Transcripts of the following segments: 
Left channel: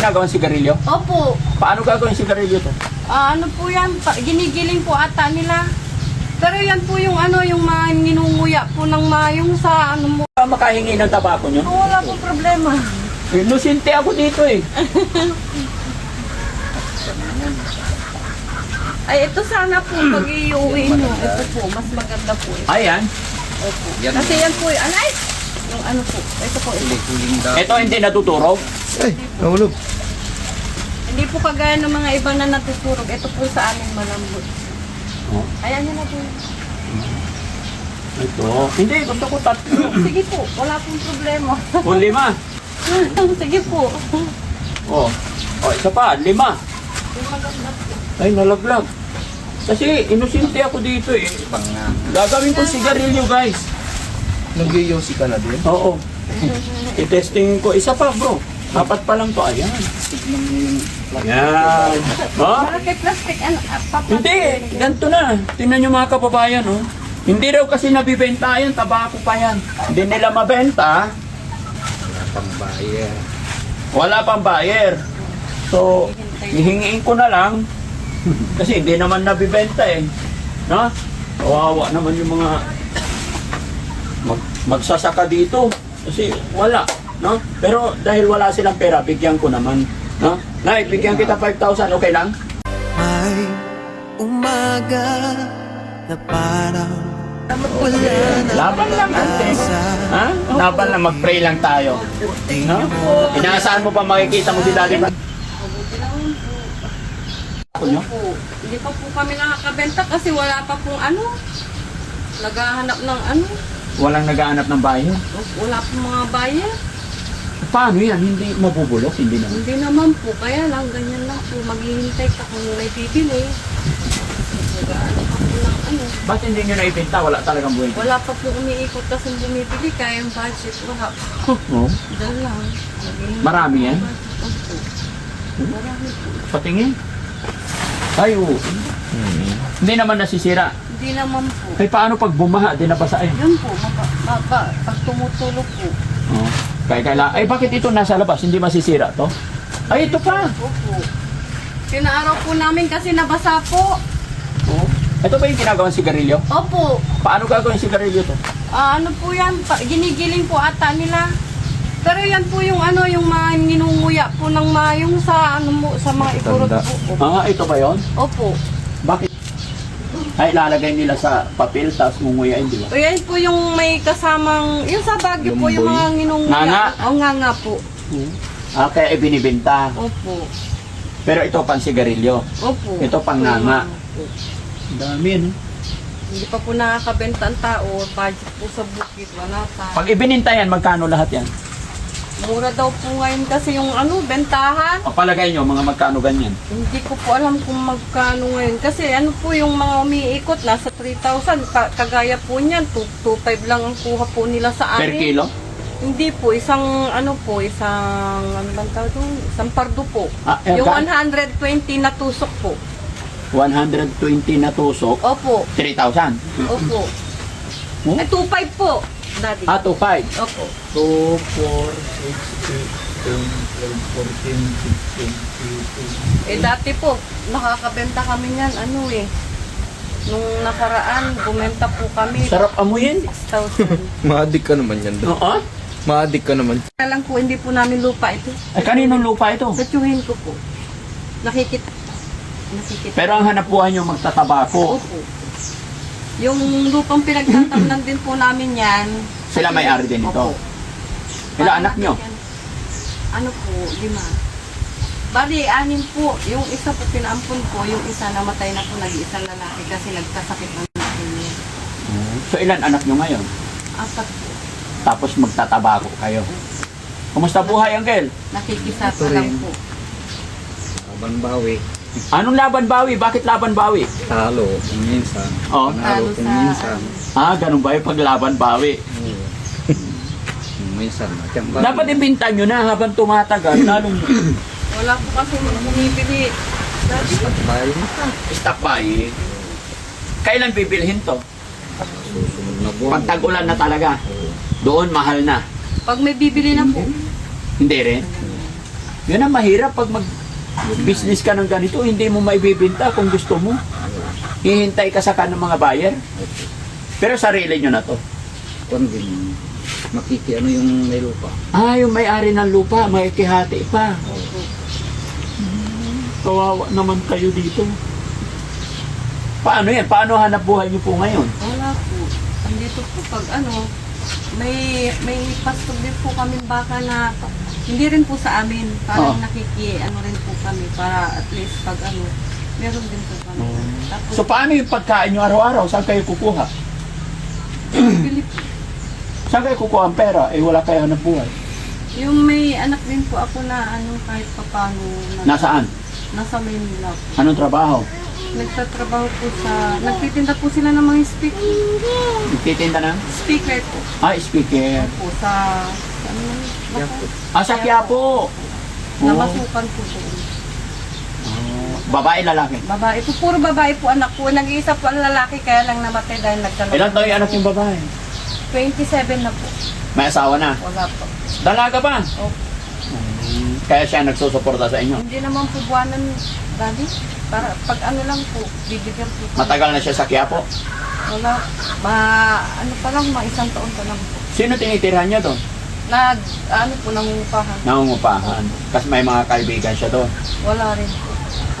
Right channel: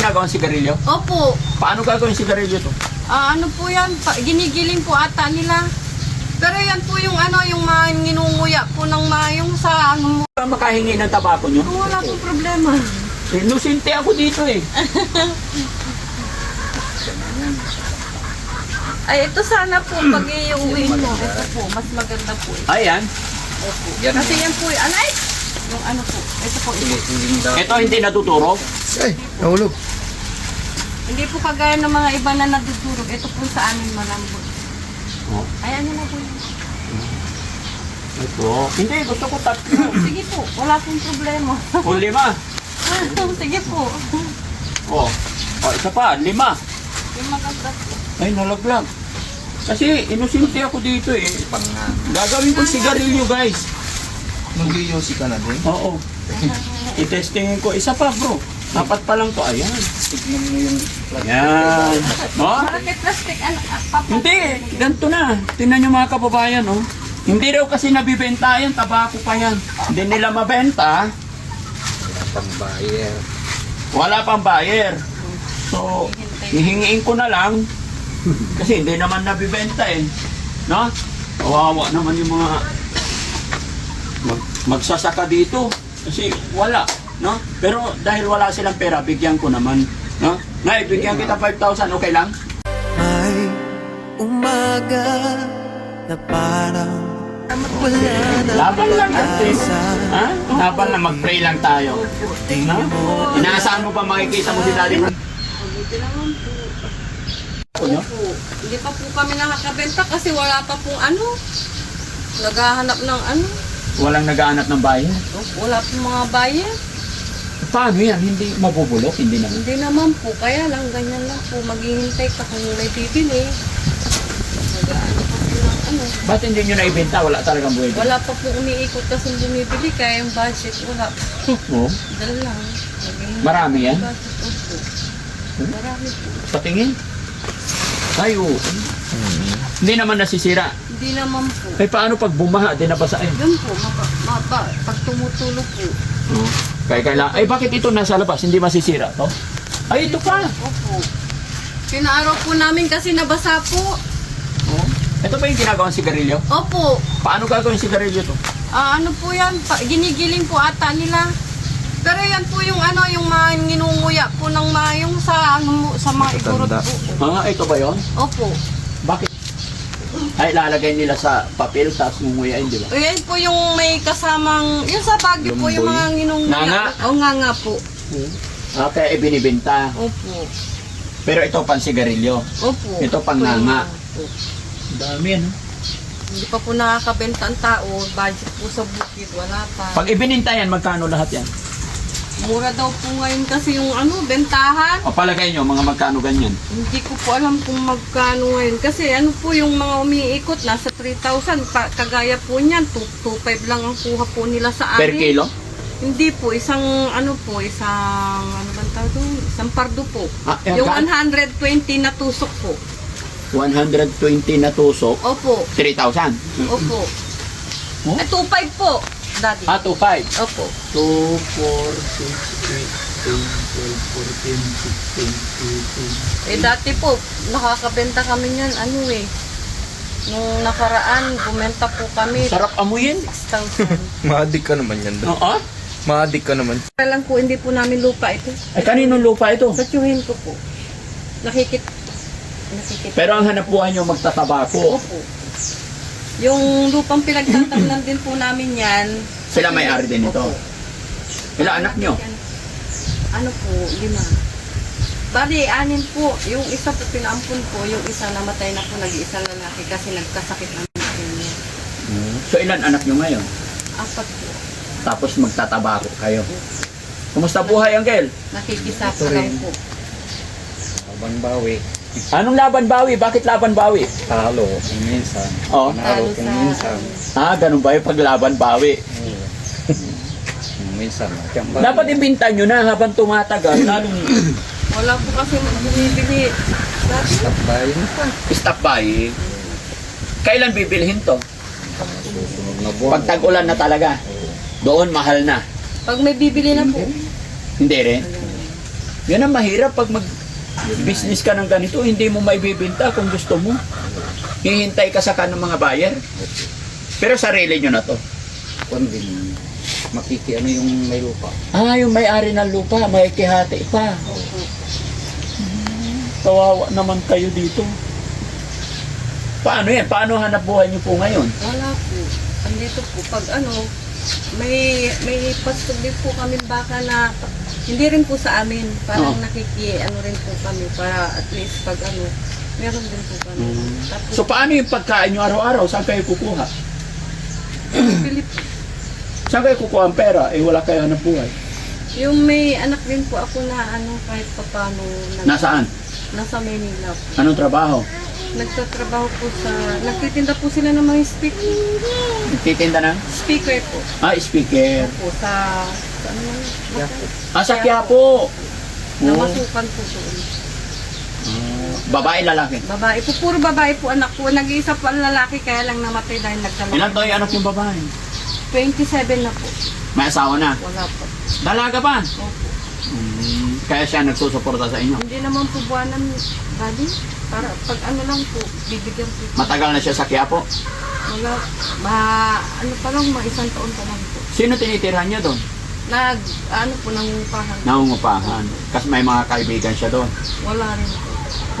Ginagawang sigarilyo? Opo. Paano gagawin sigarilyo to? Ano po yan? Ginigiling po ata nila. Pero yan po yung ano, yung mga ninunguya po ng yung sa ano mo. Makahingi ng tabako nyo? Wala po problema. Inosente ako dito eh. Ay, ito sana po pag iuwi nyo. Ito po, mas maganda po. Ayan. Opo. Kasi yan po, anay! Yung ano po, ito po. Ito hindi natuturog. Ay, nahulog. Hindi po kagaya ng mga iba na natuturog. Ito po sa amin malambot. Oh. Ayan nyo na po yun. Ito. Hindi, gusto ko tatlo. Sige po, wala pong problema. O 5. Sige po. Oh. Oh, isa pa, 5. Yung maganda po. Ay, nalaglag. Kasi inosente ako dito eh. Gagawin ko sigarilyo guys. Mag-yosi ka na din. Oo. I-testingin ko. Isa pa bro. 4 pa lang to. Ayan. Tignan mo yung Ayan. Ha? Malaki plastic, ano, papa. Hindi. Ganito na. Tingnan nyo mga kababayan oh. Hindi raw kasi nabibenta yan. Tabako pa yan. Hindi nila mabenta. pambayer. Wala pang buyer. So, hihingiin ko na lang. Kasi hindi naman nabibenta eh. No? Kawawa naman yung mga magsasaka dito. Kasi wala. No? Pero dahil wala silang pera, bigyan ko naman. No? Nay, bigyan kita 5,000. Okay lang? May umaga na parang wala na Laban lang ate. pag-asa. Ha? Laban lang, mag-pray lang tayo. No? Inaasahan mo pa makikita mo si Daddy Frank? Mabuti naman po. No? Opo. Hindi pa po kami nakakabenta kasi wala pa pong ano. Naghahanap ng ano. Walang naghahanap ng buyer. Wala pong mga buyer. Paano yan? Hindi mabubulok? Hindi naman. Hindi naman po. Kaya lang, ganyan lang po. Maghihintay ka kung may bibili. Nag-ano pa po ng ano. Ba't hindi nyo naibenta? Wala talagang buhay. Wala pa po umiikot kasi bumibili. Kaya yung budget, wala po. Oh. Dahil lang. Naghihintay Marami yan? po yung budget. Opo. Marami po. Patingin. Ay, oo. Hindi naman nasisira. Hindi naman po. Ay, paano pag bumaha? Di nabasa eh. Yun po, pag tumutulog po. Oh. Ay, bakit ito nasa labas? Hindi masisira to? Ay, ito pa. Opo. Pinaaraw po namin kasi nabasa po. Oh. Ito ba yung ginagawang sigarilyo? Opo. Paano gagawin sigarilyo to? Ano po yan? Ginigiling po ata nila. Pero yan po yung ano, yung mga ninunguya po ng yung sa ano mo, sa mga ikurot po. Ito ba yon? Opo. Bakit? Ay, lalagay nila sa papel, tapos ngunguyain, di ba? O yan po yung may kasamang, yung sa Baguio po, yung mga ninunguya. Nganga? O nga po. Kaya ibinibenta. Opo. Pero ito pang sigarilyo. Opo. Ito pang Opo, yung nganga. mga po. Dami, ano? Hindi pa po nakakabenta ang tao. Budget po sa bukid. Wala pa. Pag ibininta yan, magkano lahat yan? Mura daw po ngayon kasi yung ano, bentahan. O palagay nyo, mga magkano ganyan? Hindi ko po alam kung magkano ngayon. Kasi ano po yung mga umiikot, nasa 3,000. Kagaya po niyan, 2,500 lang ang kuha po nila sa amin. Per kilo? Hindi po, isang ano po, ano bang tawag doon? Isang pardo po. Yung 120 na tusok po. 120 na tusok, Opo, 3,000. opo. Oh? 2,500 po, daddy. 2,500. Opo. 2, 4, 6, 8, 10, 11, 14, 15, 16, 17. Dati po, nakakabenta kami niyan, ano nung nakaraan, bumenta po kami. Sarap amuyin. 6,000. Maadik ka naman yan. Oo. Maadik ka naman. Kaya lang po, hindi po namin lupa ito. Ay, kaninong lupa ito? Satyuhin ko po. Nakikit. Pero ang hanap buhay nyo magtatabako. Opo. Yung lupang pinagtatamnan din po namin yan. Sila may-ari din ito. Opo. Ilang anak nyo? Ano po, 5. Bali, 6 po. Yung isa po pinaampun ko, yung isa namatay na po, nag-iisang lalaki kasi nagkasakit ng niya. So ilan anak nyo ngayon? 4 po. Tapos magtatabako kayo. Kumusta buhay, Uncle? Nakikisapa lang po. Laban bawi. Anong laban bawi? Bakit laban bawi? Talo kung minsan. Oh. Panalo kung minsan. Ganun ba yung paglaban bawi? Oo. Kung minsan. Dapat ibinta nyo na habang tumatagal. Lalo nyo. Wala po kasi bumibili. Dati, Bayin ka. Stock buy. Kailan bibilhin to? Susunod na buwan. Pag tag-ulan na talaga. Doon mahal na. pag may bibili na po. Hindi rin. Yan ang mahirap pag mag-business ka ng ganito, hindi mo maibibenta kung gusto mo. Hihintay ka sa ng mga buyer. Pero sarili nyo na to. Kung din, ano yung may lupa. Ah, yung may-ari ng lupa, makikihati pa. Kawawa naman kayo dito. Paano yan? Paano hanap buhay niyo po ngayon? Wala po. Andito po, pag may pastog din po kami baka na hindi rin po sa amin. Parang rin po kami para at least pag meron din po kami. Tapos, So paano yung pagkain nyo araw-araw? Saan kayo kukuha? bili po. Saan kayo kukuha ang pera? Eh wala kayo hanap buhay. Yung may anak din po ako na kahit papano. Nasaan? Nasa Manila po. Anong trabaho? Nagtatrabaho po nagtitinda po sila ng mga speaker. Nagtitinda na? Speaker po. Ah, speaker. Po sa ano yun? Quiapo. Ah, sa Quiapo. Namasukan po doon. Babae, lalaki. Babae po, puro babae po anak ko. Nag-iisa po ang lalaki kaya lang namatay dahil nagdala. Ilan taon yung anak yung babae? 27 na po. May asawa na. Wala po. Dalaga pa. Opo. Kaya siya nagsusuporta sa inyo. Hindi naman po buwanan, daddy. Para pag lang po, bibigyan po. Matagal na siya sa Quiapo. Wala, pa lang, isang taon pa lang po. Sino tinitirhan niya doon? Nangungupahan. Nangungupahan. Kasi may mga kaibigan siya doon. Wala rin po.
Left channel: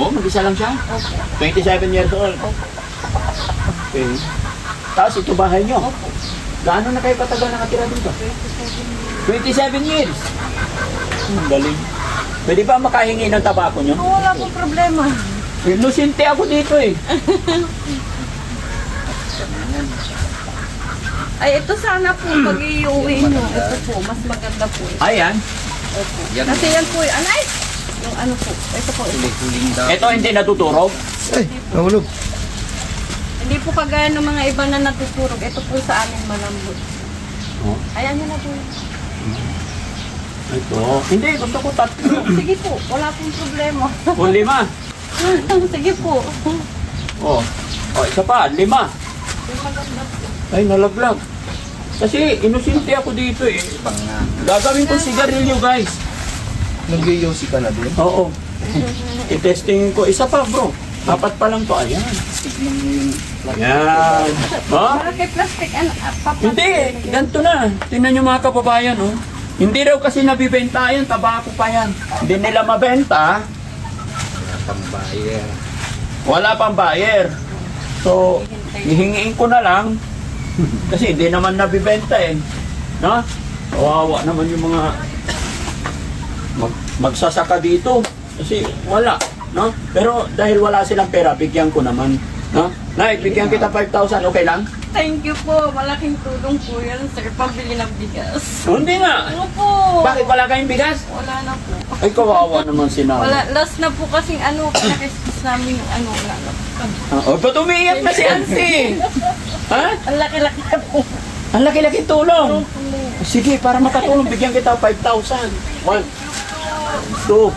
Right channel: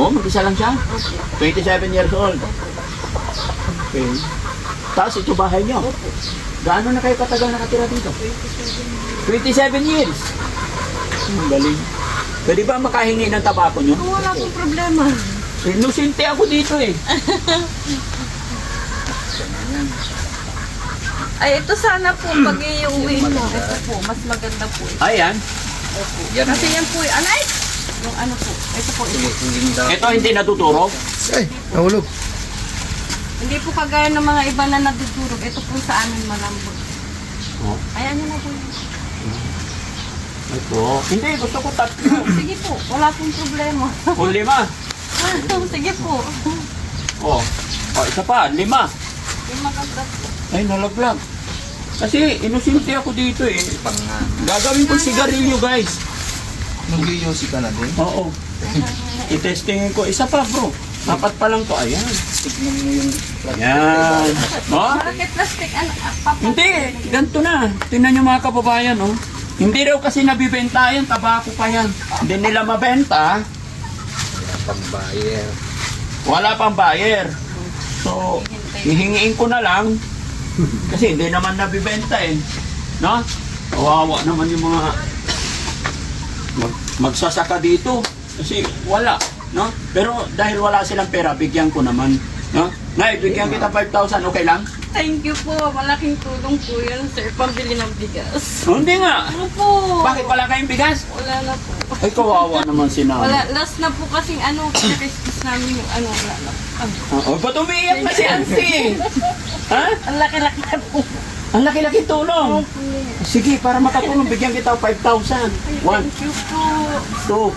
Oo, mag-isa lang siya. Opo. 27 years old. Opo. Okay. Tapos ito bahay niyo. Opo. Gaano na kayo katagal nakatira dito? 27 years. Ang galing. Pwede ba makahingi ng tabako nyo? Wala pong problema. Inosente ako dito eh. Ay, ito sana po pag iuwi nyo. Ito po, mas maganda po. Ayan. Opo. Yan. Kasi yan po, anay! Yung po, ito po. Huling daw. Ito hindi natuturog. Ay, nahulog. Hindi po kagaya ng mga iba na natutulog. Ito po sa amin malambot. Oh. Ayan nyo na po yun. Ito. Hindi, gusto ko tatlo. Sige po, wala pong problema. O 5. Sige po. Oh. Oh, isa pa, 5. Yung maganda. Ay, nalaglag. Kasi inosente ako dito eh. Gagawin ko sigarilyo, guys. Nag-yosi ka na din? Oo. I-testingin ko. Isa pa, bro. 4 pa lang to. Ayan. Tignan mo yung Yan. Ha? Bakit plastic? Hindi, ganito na. Tingnan nyo mga kababayan, oh. Hindi raw kasi nabibenta yan, tabako pa yan. Hindi nila mabenta, pang-buyer. wala pang buyer. So, hihingiin ko na lang, kasi hindi naman nabibenta eh. No? Kawawa naman yung mga magsasaka dito. Kasi wala. No? Pero dahil wala silang pera, bigyan ko naman. No? Nay, bigyan kita 5,000, okay lang? Thank you po. Malaking tulong po yan, sir. Pambili ng bigas. Oh, hindi nga. Ano po? Bakit wala kayong bigas? Wala na po. Ay, kawawa naman si nanay. Wala, last na po kasing Christmas namin yung wala na po. Oh, ba't umiiyak na si Auntie? Ha? Ang laki-laki na po. Ang laki-laki tulong. Opo. Sige, para makatulong, bigyan kita 5,000. 1, Thank you po.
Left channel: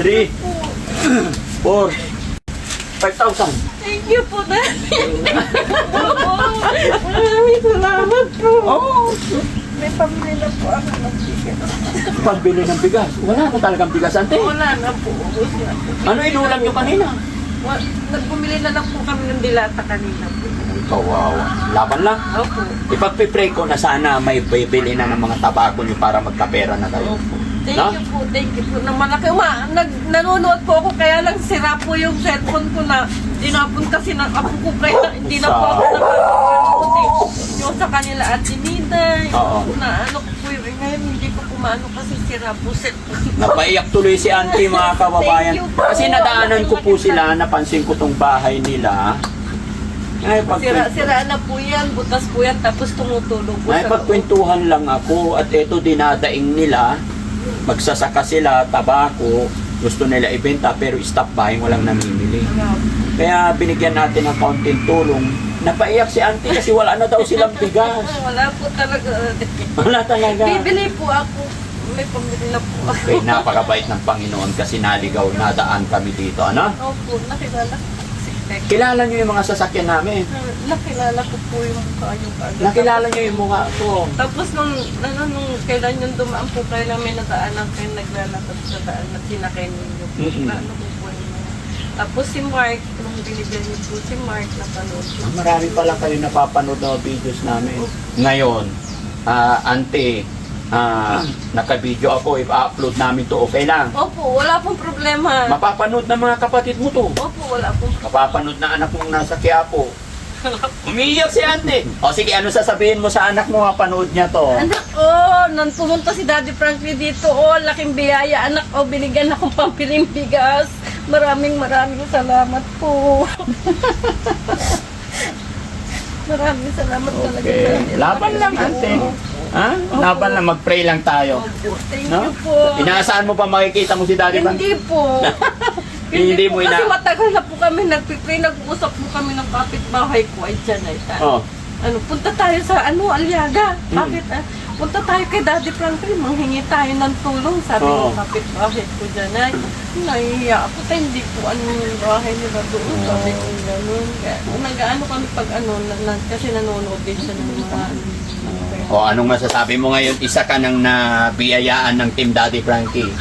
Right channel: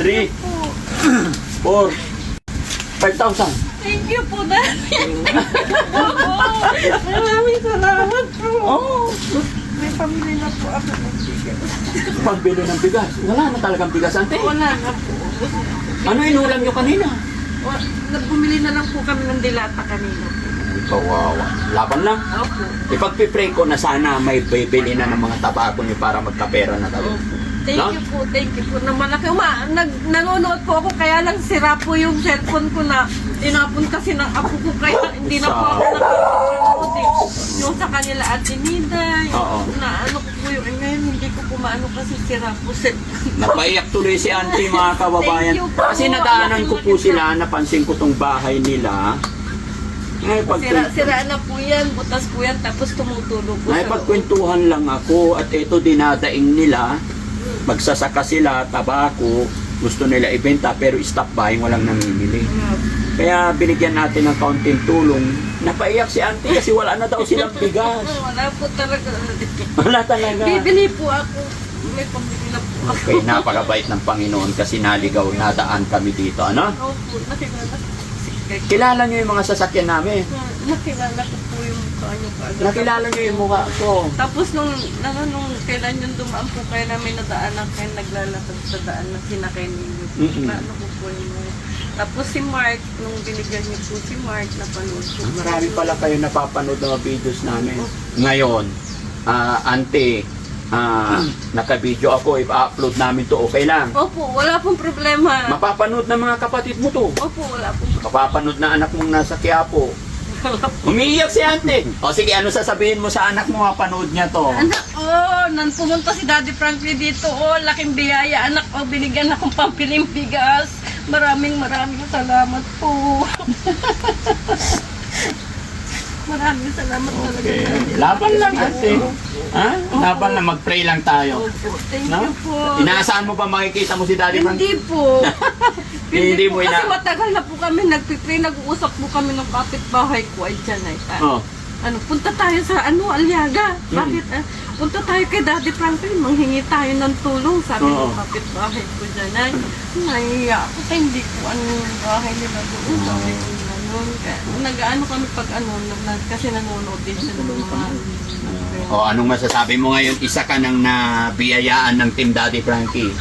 2, 3, 4, 5,000. Thank you po, Daddy. Maraming salamat po. Oh, May pamilya na po ako ng bigas. pagbili ng bigas. Wala na talagang bigas, Auntie. Wala na po. Ano inulam nyo kanina? Nagbumili na lang po kami ng dilata kanina. Kawawa. Laban lang. Opo. Ipagpipray ko na sana may bibili na ng mga tabako nyo para magkapera na kayo. Thank No? you po, thank you po. Na malaki, nanonood po ako kaya lang sira po yung cellphone ko na tinapon kasi ng apo ko kaya hindi na po ako nakakapanood eh. Yung sa kanila at Minday, Oo. na ano ko po yung ngayon hindi ko po maano kasi sira po cellphone. Napaiyak tuloy si Auntie mga kababayan. Thank you po. Kasi nadaanan ko po sila, napansin ko tong bahay nila. Ay, Sira na po yan, butas po yan, tapos tumutulog po Ay, pagkwentuhan lang ako at ito dinadaing nila. Magsasaka sila, tabako, gusto nila ibenta pero stop buying, walang namimili. Kaya binigyan natin ng kaunting tulong. Napaiyak si Auntie kasi wala na daw silang bigas. Wala po talaga. Wala talaga. Bibili po ako. May pambili na po ako. Okay, napakabait ng Panginoon kasi naligaw, nadaan kami dito, ano? Opo, nakilala. Kilala niyo yung mga sasakyan namin. Nakilala ko po yung ano. Nakilala niyo yung mukha ko. Tapos nung kailan yung dumaan po, kailan may nadaanan kayo naglalakad sa daan na pinakain ninyo po. Ano po yun. Tapos si Mark, nung binigyan niyo po si Mark, napanood ko. Marami pala kayo napapanood ng videos namin. Ngayon, ante, naka-video ako, i-upload namin to, okay lang. Opo, wala pong problema. Mapapanood ng mga kapatid mo to. Opo, wala pong Mapapanood na anak mong nasa Quiapo. Umiiyak si ate. O sige, ano sasabihin mo sa anak mo, mapanood niya to? Anak, nang pumunta si Daddy Frankie dito, laking biyaya. Anak, binigyan akong pampiling bigas. Maraming salamat po. Maraming salamat talaga. Okay. Laban lang ate. Ha? Laban lang, mag-pray lang tayo. Thank No? you po. Inaasahan mo pa makikita mo si Daddy Frankie? Hindi po. Hindi mo Kasi ina... matagal na po kami nagpipray, nag-uusap po kami ng kapitbahay ko ay dyan ay Oh. punta tayo sa Aliaga. Bakit? Punta tayo kay Daddy Frankie, manghingi tayo ng tulong, sabi ng kapitbahay ko dyan ay nahiya ako kaya hindi ko yung bahay nila doon, sabi ko gano'n. Nag-ano kami pag kasi nanonood din siya ng mga O, anong masasabi mo ngayon? Isa ka nang nabiyayaan ng Team Daddy Frankie.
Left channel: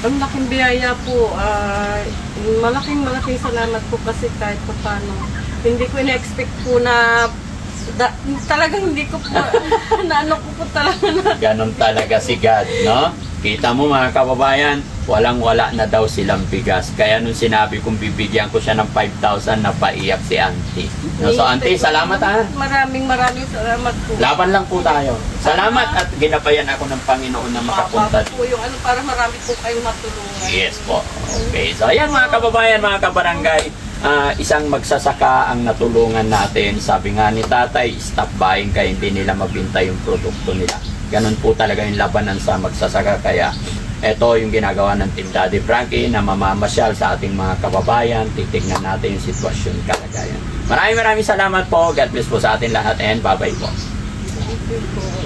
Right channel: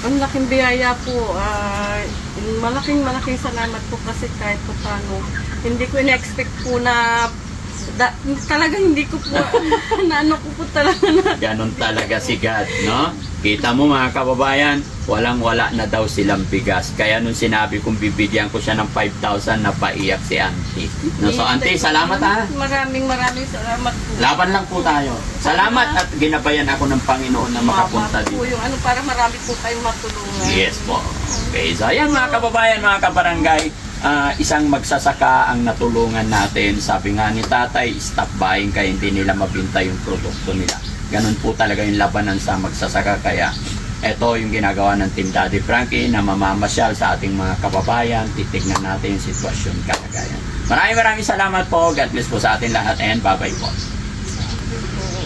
Ang laking biyaya po. Malaking salamat po kasi kahit pa paano. Hindi ko in-expect po na talagang hindi ko po naano ko po talaga na. Ganon talaga si God, no? Kita mo mga kababayan, walang-wala na daw silang bigas. Kaya nung sinabi kong bibigyan ko siya ng 5,000, napaiyak si auntie. No, so auntie, salamat ha. Maraming salamat po. Laban lang po tayo. Salamat at ginabayan ako ng Panginoon na makapunta po dito. yung para marami po kayong matulungan. Yes po. Okay. So ayan mga kababayan, mga kabarangay, isang magsasaka ang natulungan natin. Sabi nga ni tatay, stop buying kaya hindi nila mabinta yung produkto nila. Ganon po talaga yung labanan sa magsasaka. Kaya ito yung ginagawa ng Team Daddy Frankie na mamamasyal sa ating mga kababayan. Titignan natin yung sitwasyon, kalagayan. Maraming salamat po. God bless po sa atin lahat and bye-bye po. Thank you po.